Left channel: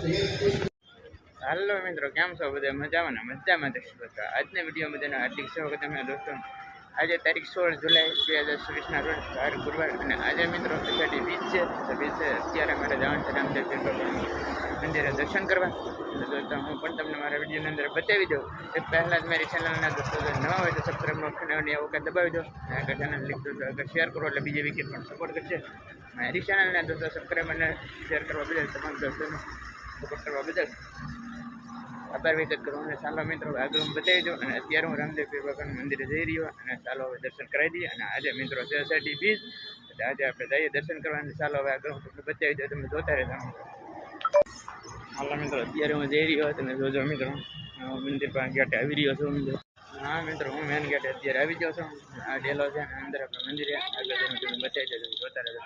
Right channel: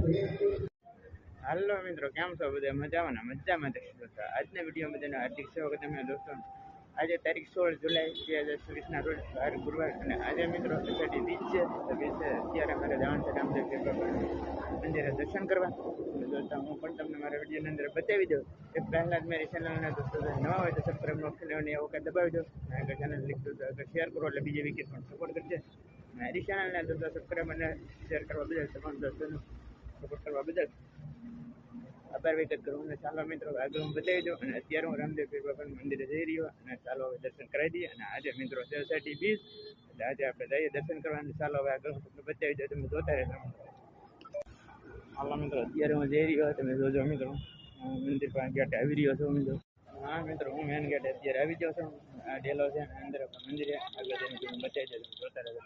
હાલો મિત્રો, કેમ છો બધા? મજામાં ને? મજામાં જ છો? આજના વિડીયો બધાને હાર્દિક સ્વાગત છે દોસ્તો. આજે તારીખ 16 જુલાઈ 2024ના રોજ વાર ગુરુવાર, અને આજે મિત્રો અષાઢી બીજ છે. તો બીજ અત્યારે મારે જવાનું છે રામદેવ પીર બાબાનું મંદિરે દર્શન કરવા. તો દોસ્તો હું પણ તમને મારા વિડીયોની અંદર બતાવી દઉં. એ પહેલાં જ મારી ચેનલના દોસ્તો નવા હોય તો સબસ્ક્રાઈબ નોટિફિકેશન એવું કંઈ દબાવી દો, અને આગળ ચેનલ લીક દો આગળ શેર કરો એટલે બીજી વિકેટ પણ સપોર્ટ કરશે. મારી ચેનલના દોસ્તો સબસ્ક્રાઈબ અને શેર કરવા બદલ તમામ દોસ્તોને સપોર્ટ કરવા બદલ આભાર વ્યક્ત કરું. અને ચાલો મિત્રો આગળ હું બતાવી દઉં. અને અત્યારે હું રામદેવ પીર બાબાના મંદિરે જઈ રહ્યો, અને ચાલો હવે દર્શન કરાવી દઈએ. અને આજે મિત્રો છે અષાઢી બીજ, એટલે આજે આપણે જઈએ દર્શન કરવા. અને ચાલો હવે આગળ હું તમને બતાવી દઉં, તમે જોતા રહેતા મિત્રો. હાલો મિત્રો, અત્યારે હું જઈ રહ્યો, તમે જોજો મિત્રો. મંદિર પાસે ગેટ આવી રહ્યો છું મિત્રો. હા મિત્રો, હું મેન ગેટ અત્યારે આવી ગયો છું. આ ડેલો છે અને અંદર આપણે મંદિરે આગળ જઈને તમે બતાવી દઉં, તમે જોતા રહેજો.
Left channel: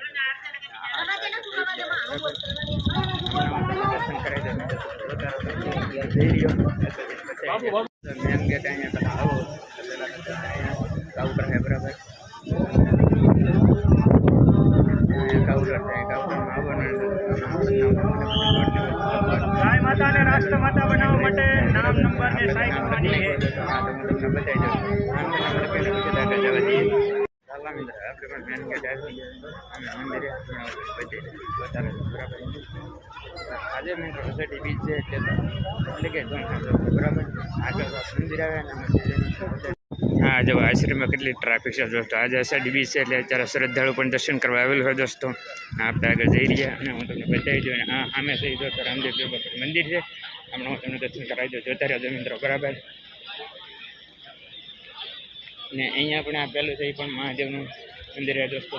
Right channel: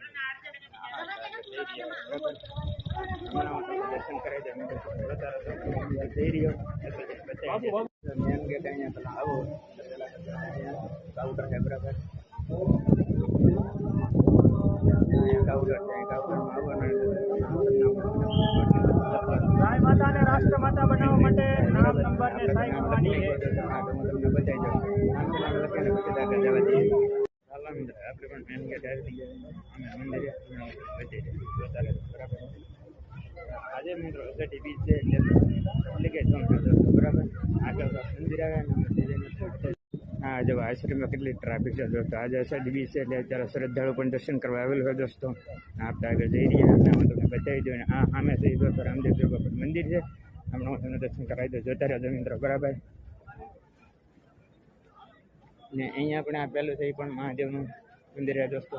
દર્શન કરાવી દઉં મિત્રો, જોતા રહેજો. જઈ રહ્યો મેન ગેટ અહીંયા પેલા આવો પેલા અહીંયા કાઉન્ટર છે બરાબર. કાઉન્ટર છે, કાઉન્ટરમાં આવવાનું. ગાય માતાને રાષ્ટ્ર માતા બનાવવા માટે નામ નંબર ને સાઈન કરવાની છે. હા, તો હું તમને બતાવી દઉં. નામ લખીને પછી આગળ જવા દઈએ. ચાલો મિત્રો, આપણે પણ મેન ગેટ આવી ગયા અમે મંદિરે બતાવી દઉં, વધારે બરાબર. આજે મિત્રો અષાઢી બીજ છે એટલે કે બરાબર આગળ મંદિર આવે ને હા જો આશ્રમમાં કેટલી ટ્રાફિક છે દોસ્તો. આજે અષાઢી બીજ છે એટલે અત્યારે શ્રદ્ધાળુ પણ દર્શન કરવા આવેલું હોય દોસ્તો. આપણે આગળ જઈ રહ્યા અને હું તમને બતાવી દઉં. અને હા સામે થઈ દોસ્તો રામદેવ પીર બાબાનું મંદિર છે. હમણાં હું તમને દર્શન કરાવી દઉં, જોતા રહેજો મિત્રો બરાબર. ને અહીંયા પણ આ પહેલું છે એ પણ મહાદેવનું મંદિર છે દોસ્તો.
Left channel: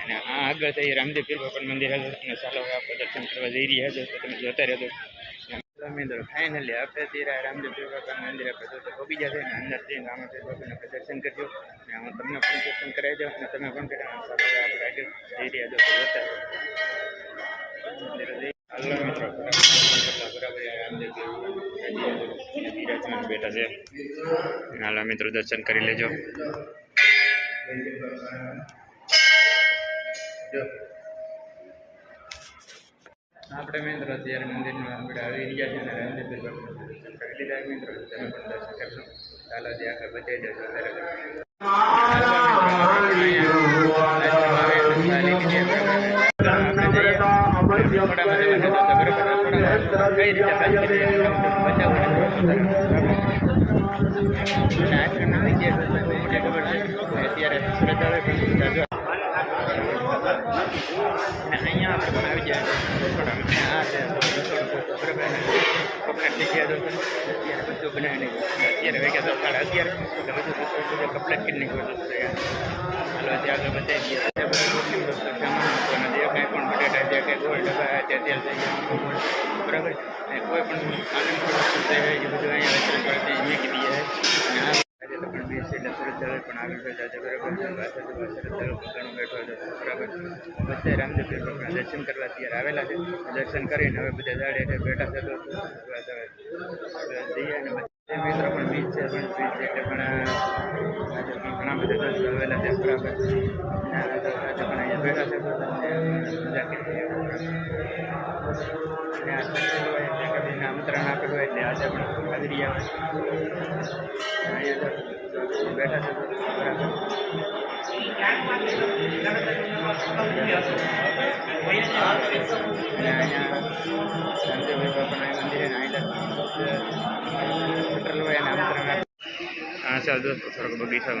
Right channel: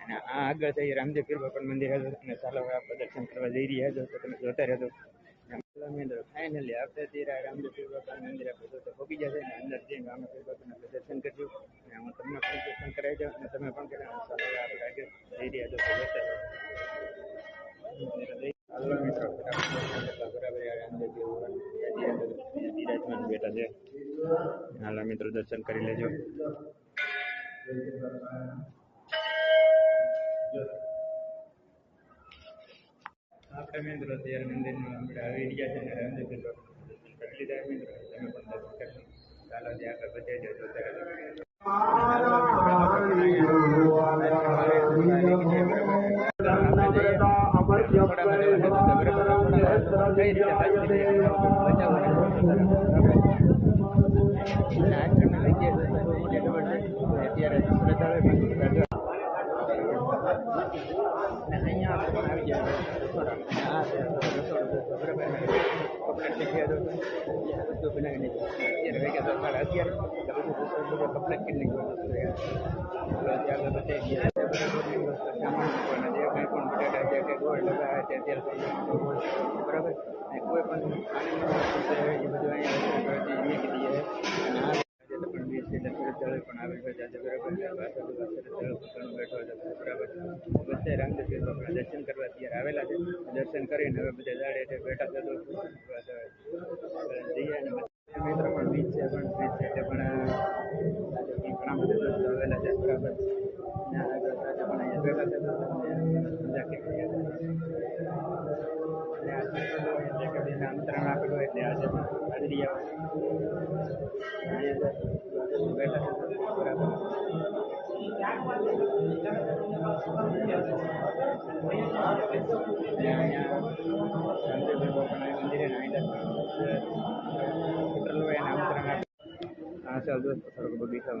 અને આ આગળ થઈ રામદેવ પીર બાબાનું મંદિર હતું. અને ચાલો હવે આપણે દર્શન કરવા જઈ રહ્યા દોસ્તો, તમે જોતા રહેજો મિત્રો. ફાઇનલી આપણે ત્યાં રામદેવ પીર બાબાનું મંદિર આપણે દોસ્તો પહોંચી જશે. અને અંદર જઈને રામદેવ પીર બાબાને આપણે દર્શન કરજો. અને હું તમને પણ દર્શન કરાવી દઉં અને તમે પણ કર્યા. ચાલો હવે આપણે આગળ જઈ રહ્યા દોસ્તો, જોતા હાલો મિત્રો બરાબર રામદેવ પીર બિરાજમાન બેઠા છે. હાલો મિત્રો, દર્શન કરી લેજો. આપણે મિત્રો અત્યારે મંદિરમાં આપણે આવી રહ્યા છે અને રામદેવ પીર બાબાનું દર્શન કરી લીધા મિત્રો. તમે પણ દર્શન કરશો. ચાલો જે આગળ બતાવી દો, જોતા રહેજો. અત્યારે શ્રદ્ધાળુ પણ અને અહીંયા આપણે પણ આવી જાય રસોડામાં. આ છે રસોડું બરાબર. કપલેટ થઈ ગયા અત્યારે બધું બનાવી નાખ્યું. અત્યારે વાગ્યા તો 11:30 એટલે બધું રસોડું બધું કપલેટ કરી નાખ્યું દોસ્તો. હાલો ત્યાં આગળ બતાવી દઈએ. બધું રોટલી દોસ્તો સામાન મૂકવાના જે કાંઈ પણ બટાટા જે કાંઈ ગોળ ડબ્બા ત્યાં તેલ થઈ ગયા ગોળ બરાબર. કોઈ પણ નાની મોટી વસ્તુ થઈ હોય એ બધું અહીંયા વેચાણ કરતી મૂકી દઈએ. અને આ પણ બીજ છે એટલે શ્રદ્ધાળુ પણ આગળ બેઠા છે બરાબર. શ્રદ્ધાળુ ઘણું બેઠો છે બરાબર. બધા રામદેવ પીર બાબાના દર્શન કરવા અત્યારે આવેલા છે. દર્શન કરીને હવે બધા ઝાડે એટલે બેઠા છે દોસ્તો. જઈએ અને બધા મિત્રો પણ બીજ છે પણ બીજ છે એટલે પણ આજે પણ ઘણા બધા દોસ્તો આવેલા છે બરાબર. આજે પણ અહીંયા બેઠા છે મજા કરી અને આ સક્ષેલું હોય એટલે કદીને આમંત્રણ આપેલું હોય એટલે આજે પણ આવી રહ્યા હોય. અહીંયા બેઠા છે બરાબર. અને અહીંયા રામદેવ પીર બાબાના મંદિરે અહીંયા પેટ્રોલ હોય અને આમંત્રણ આપે. હા ચાલ દોસ્તો થોડોક બગીચામાં